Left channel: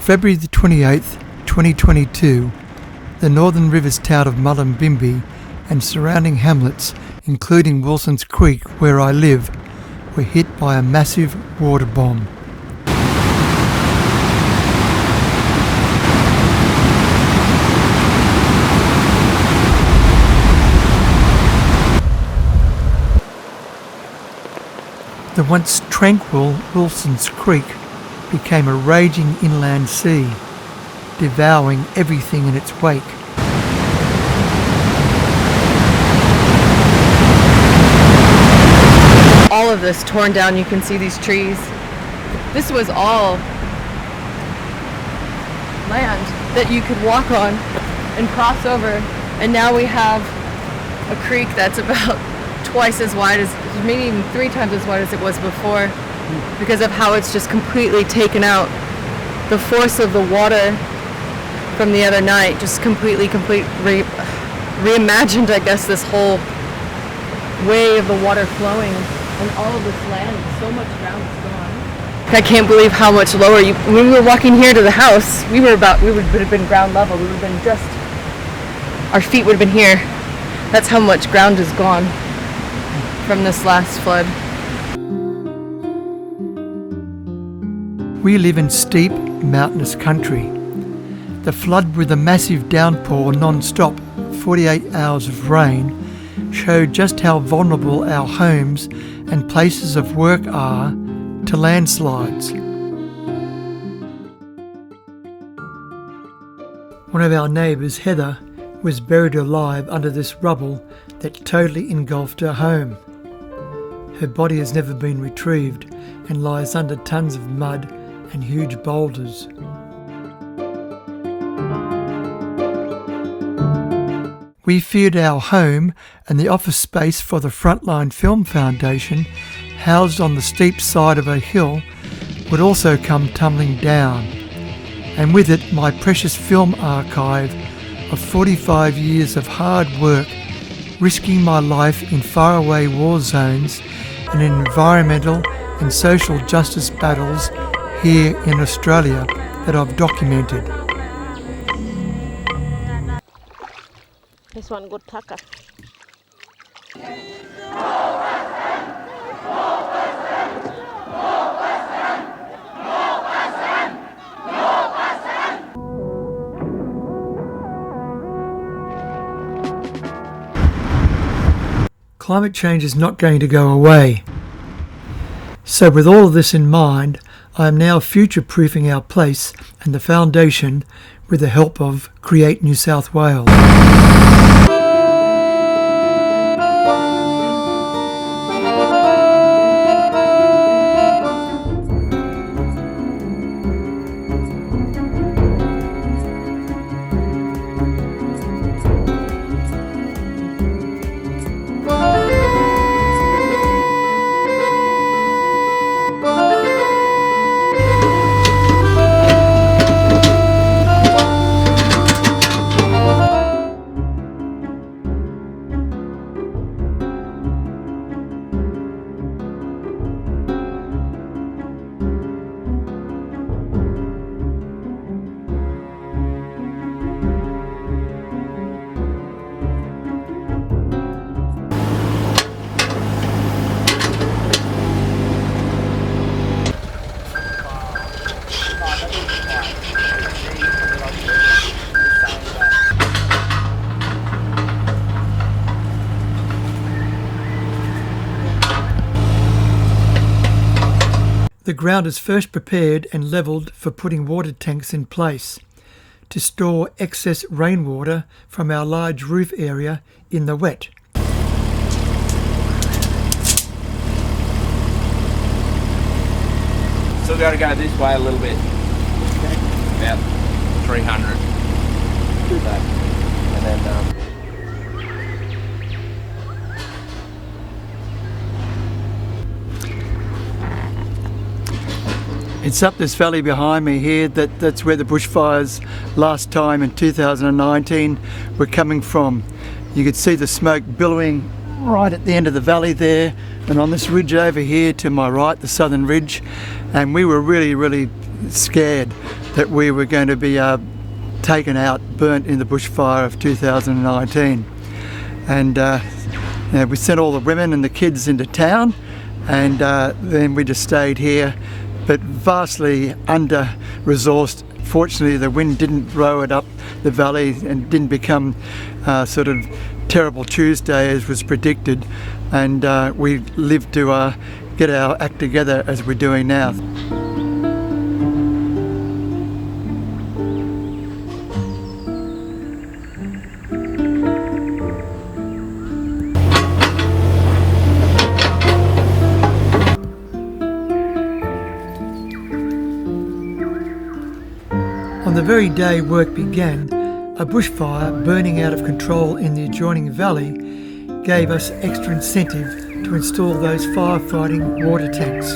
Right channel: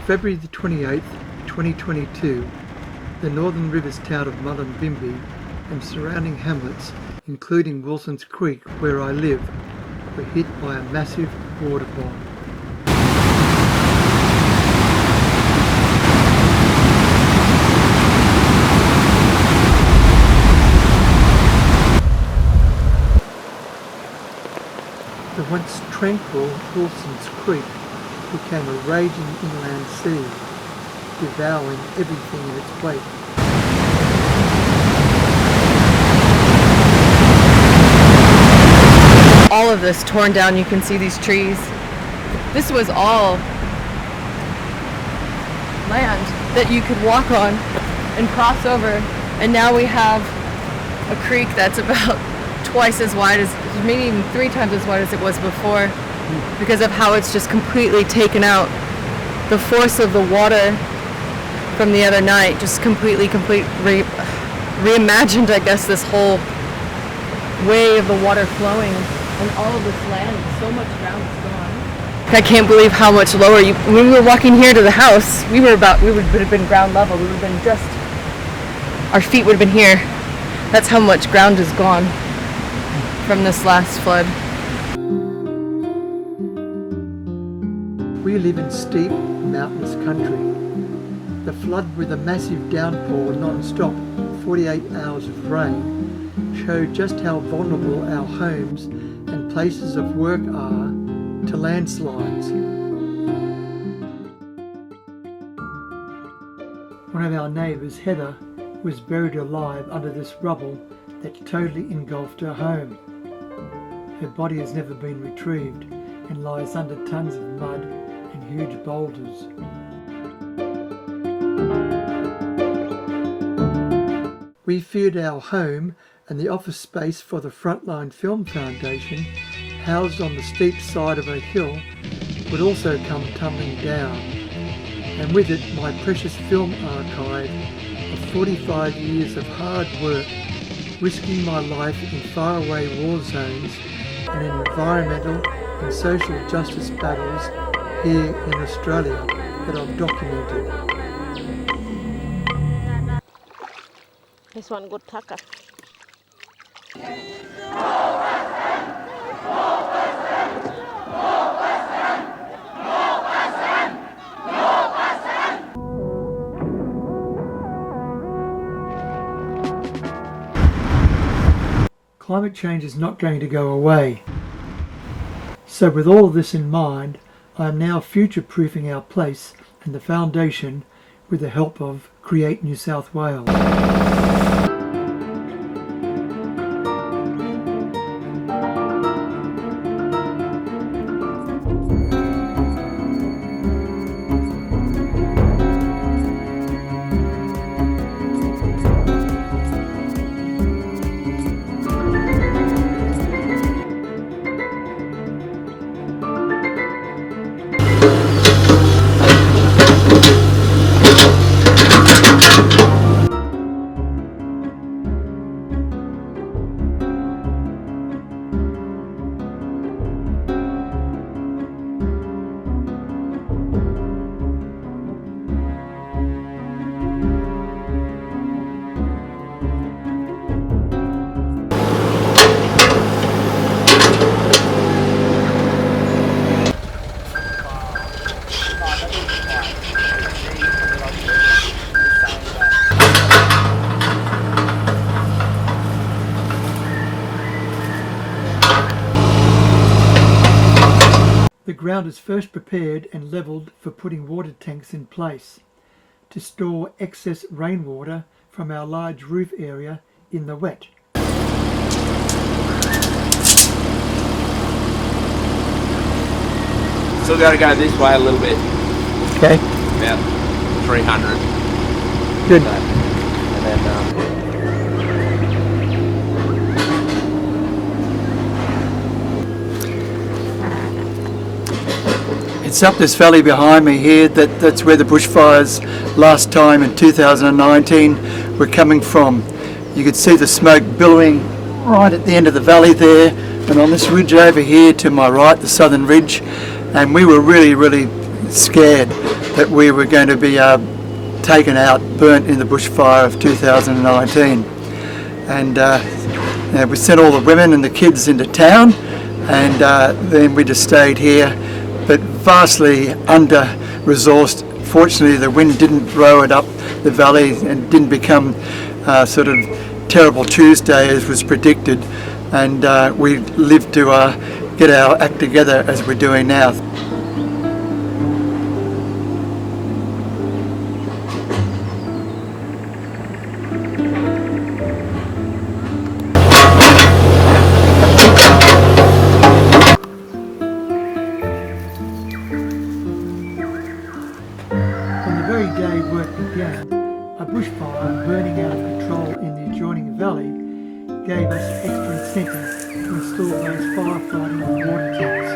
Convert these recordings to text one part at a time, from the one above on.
February the 28th, 2022, the northern rivers town of Mullumbimby and surrounding hamlets, including Wilson's Creek, where I live, were hit by a massive water bomb. The once tranquil Wilson's Creek became a raging inland sea, devouring everything in its wake. All of this torn down, you can see these trees. This was all land that you could walk on and cross over, and now we have a creek that's about twice as wide as, maybe even 3 times as wide as it was before, because of how it's just completely taken out. The force of the water from the other night just reimagined, I guess, this whole way of the water flowing, and all of this land, so much ground is gone. I can't believe how much lower when we were walking here to the house, we would have been ground level. We would have been just, our feet would have been here. That's how much ground is gone from this last flood. We live in steep, mountainous country. The flood with a massive downpour non-stop, 48 hours of rain, showed just how vulnerable our homes and places of work are to landslides. One of our neighbours, Heather, was buried alive under this rubble that totally engulfed her home. Her body has never been retrieved and lies under tons of mud and huge boulders. We feared our home and the office space for the Frontline Film Foundation, housed on the steep side of a hill, would also come tumbling down, and with it my precious film archive of 45 years of hard work, risking my life in faraway war zones and in environmental and social justice battles here in Australia that I've documented. This one good tucker. Climate change is not going to go away. So with all of this in mind, I am now future-proofing our place and the foundation with the help of Create New South Wales. The ground is first prepared and levelled for putting water tanks in place to store excess rainwater from our large roof area in the wet. Still got to go this way a little bit. Okay. About 300. Good. It's up this valley behind me here, that's where the bushfires last time in 2019 were coming from. You could see the smoke billowing right at the end of the valley there, and on this ridge over here to my right, the southern ridge, and we were really scared that we were going to be taken out, burnt in the bushfire of 2019. And we sent all the women and the kids into town, and then we just stayed here, but vastly under-resourced. Fortunately, the wind didn't blow it up the valley and didn't become sort of terrible Tuesday as was predicted, and we lived to get our act together as we're doing now. On the very day work began, a bushfire burning out of control in the adjoining valley gave us extra incentive to install those firefighting water tanks.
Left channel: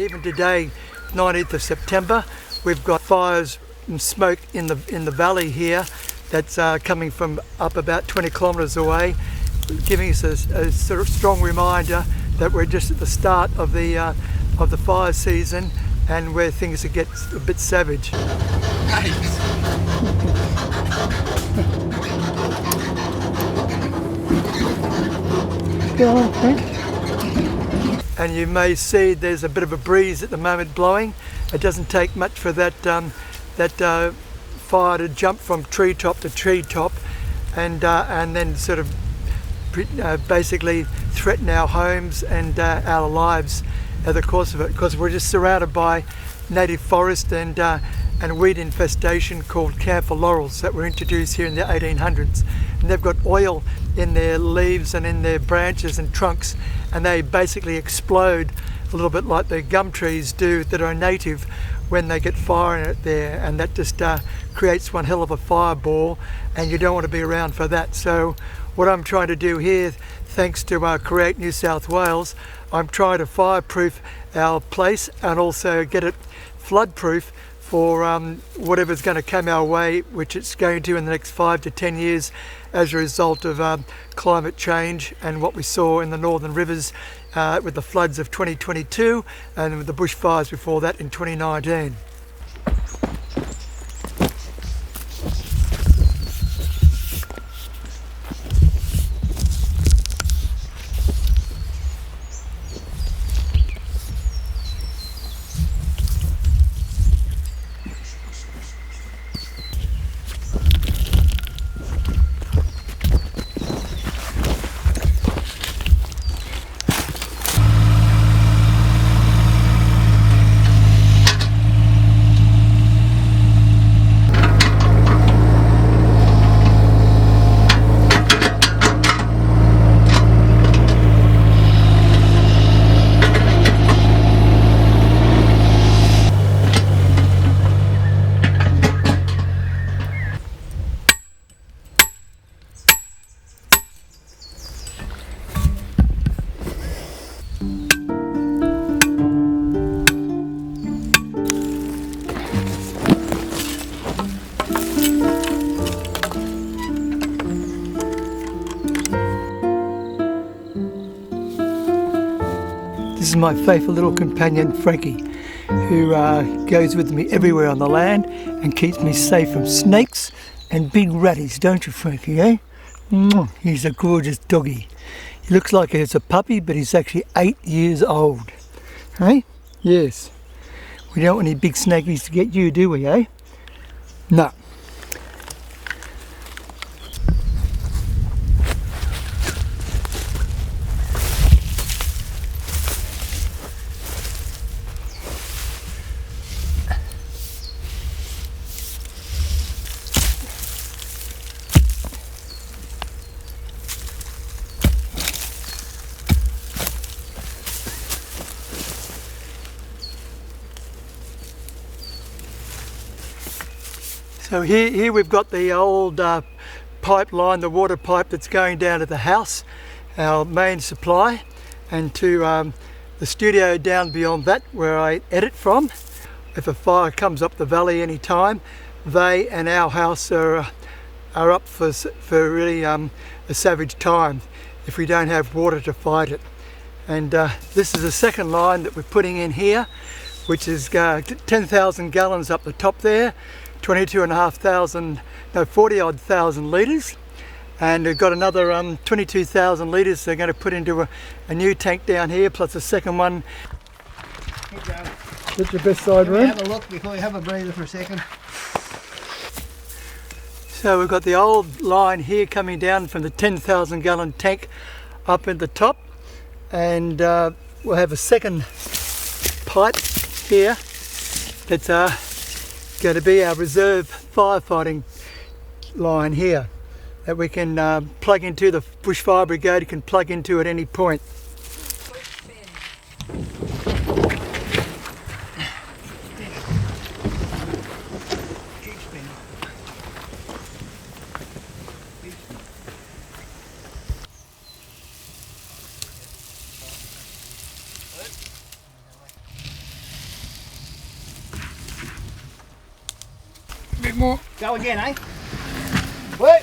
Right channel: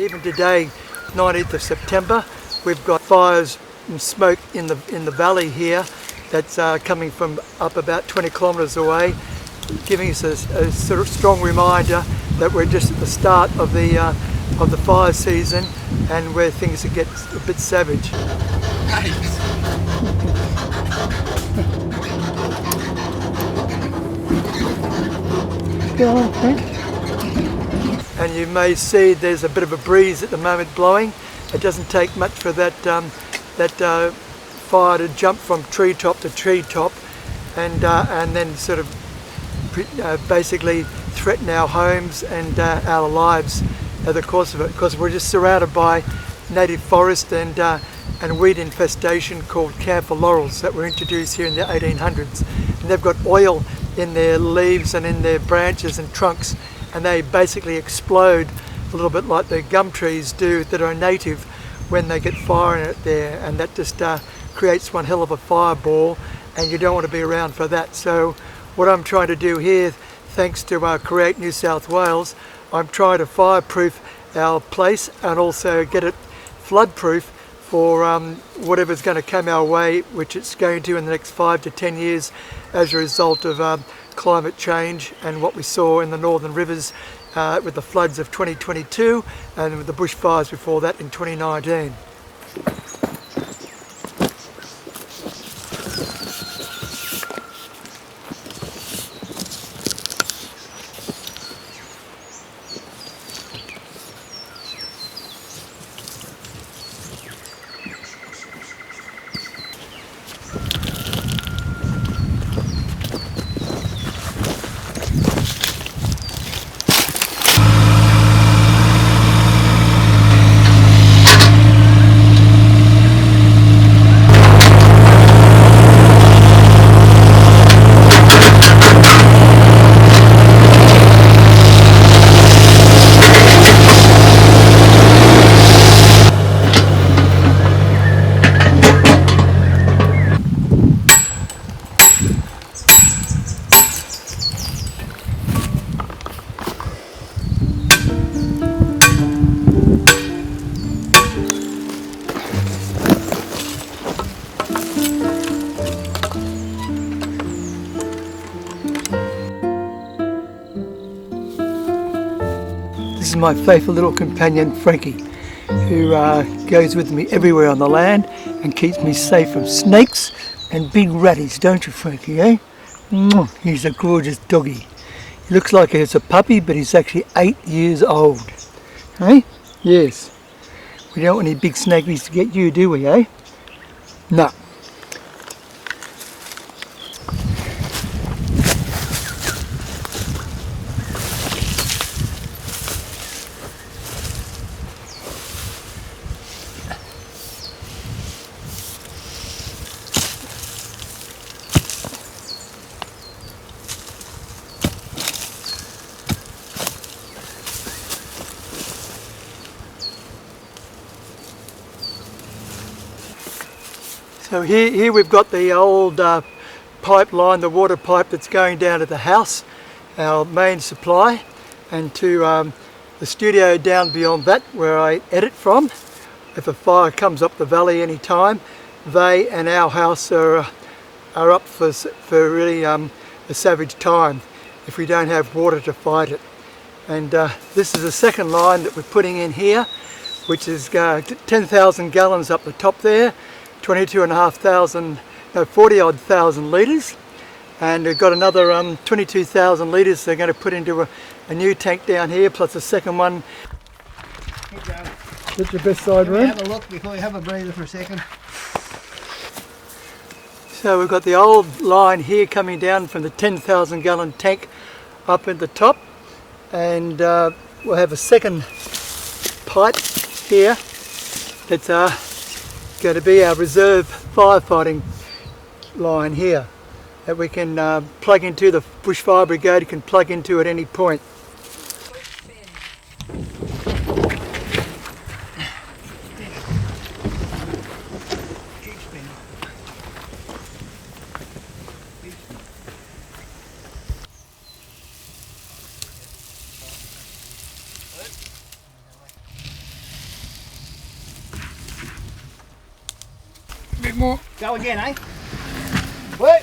Even today, 19th of September, we've got fires and smoke in the valley here that's coming from up about 20 kilometres away, giving us a sort of strong reminder that we're just at the start of the fire season and where things get a bit savage. And you may see there's a bit of a breeze at the moment blowing. It doesn't take much for that fire to jump from treetop to treetop and then sort of basically threaten our homes and our lives in the course of it, because we're just surrounded by native forest and weed infestation called camphor laurels that were introduced here in the 1800s. And they've got oil in their leaves and in their branches and trunks, and they basically explode a little bit like the gum trees do that are native when they get fire in it there, and that just creates one hell of a fireball, and you don't want to be around for that. So what I'm trying to do here, thanks to Create New South Wales, I'm trying to fireproof our place and also get it flood-proof for whatever's going to come our way, which it's going to in the next 5 to 10 years as a result of climate change and what we saw in the northern rivers with the floods of 2022 and with the bushfires before that in 2019. My faithful little companion Frankie, who goes with me everywhere on the land and keeps me safe from snakes and big ratties, don't you, Frankie, eh? He's a gorgeous doggy. He looks like he's a puppy, but he's actually 8 years old. Eh? Yes. We don't want any big snakies to get you, do we, eh? No. So here we've got the old pipeline, the water pipe that's going down to the house, our main supply, and to the studio down beyond that where I edit from. If a fire comes up the valley any time, they and our house are are up for really a savage time if we don't have water to fight it. And this is the second line that we're putting in here, which is 10,000 gallons up the top there, 40 odd thousand litres. And we've got another 22,000 litres they're going to put into a new tank down here, plus a second one. Keep going. That's your best side, room. Have a look before you have a breather for a second. So we've got the old line here coming down from the 10,000 gallon tank up at the top, and we'll have a second pipe here that's going to be our reserve firefighting line here that we can plug into. The bushfire brigade can plug into at any point. A bit more. Go again, eh? Work.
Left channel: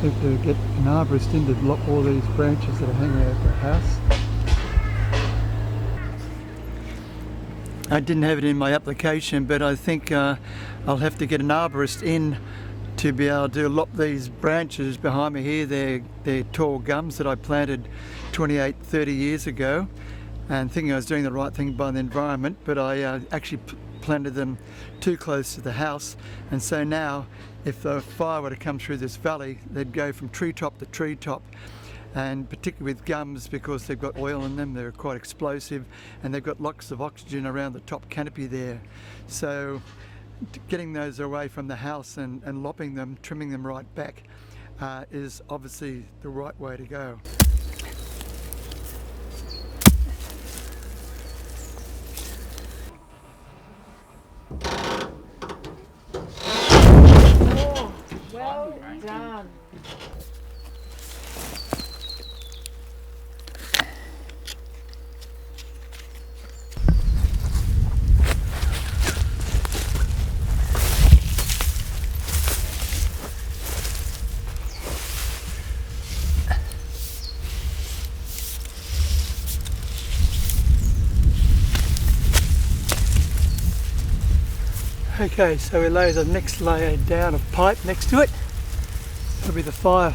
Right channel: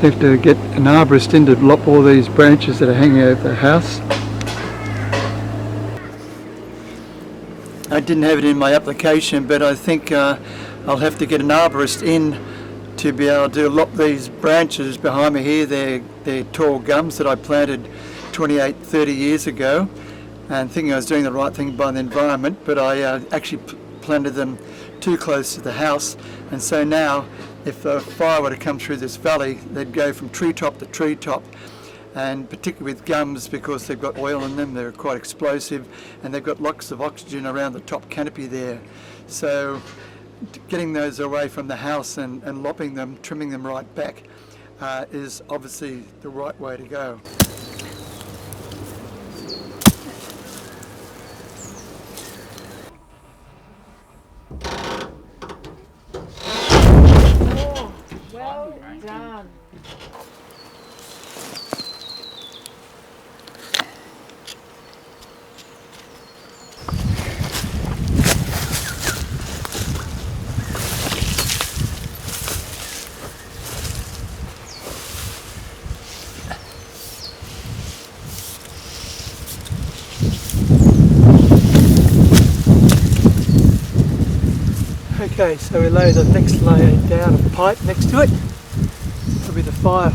Have to get an arborist in to lop all these branches that are hanging over the house. I didn't have it in my application, but I think I'll have to get an arborist in to be able to lop these branches behind me here. They're tall gums that I planted 30 years ago, and thinking I was doing the right thing by the environment, but I actually planted them too close to the house, and so now if a fire were to come through this valley, they'd go from treetop to treetop, and particularly with gums, because they've got oil in them, they're quite explosive, and they've got lots of oxygen around the top canopy there. So getting those away from the house and lopping them, trimming them right back, is obviously the right way to go. Well done. Okay, so we lay the next layer down of pipe next to it. That'll be the fire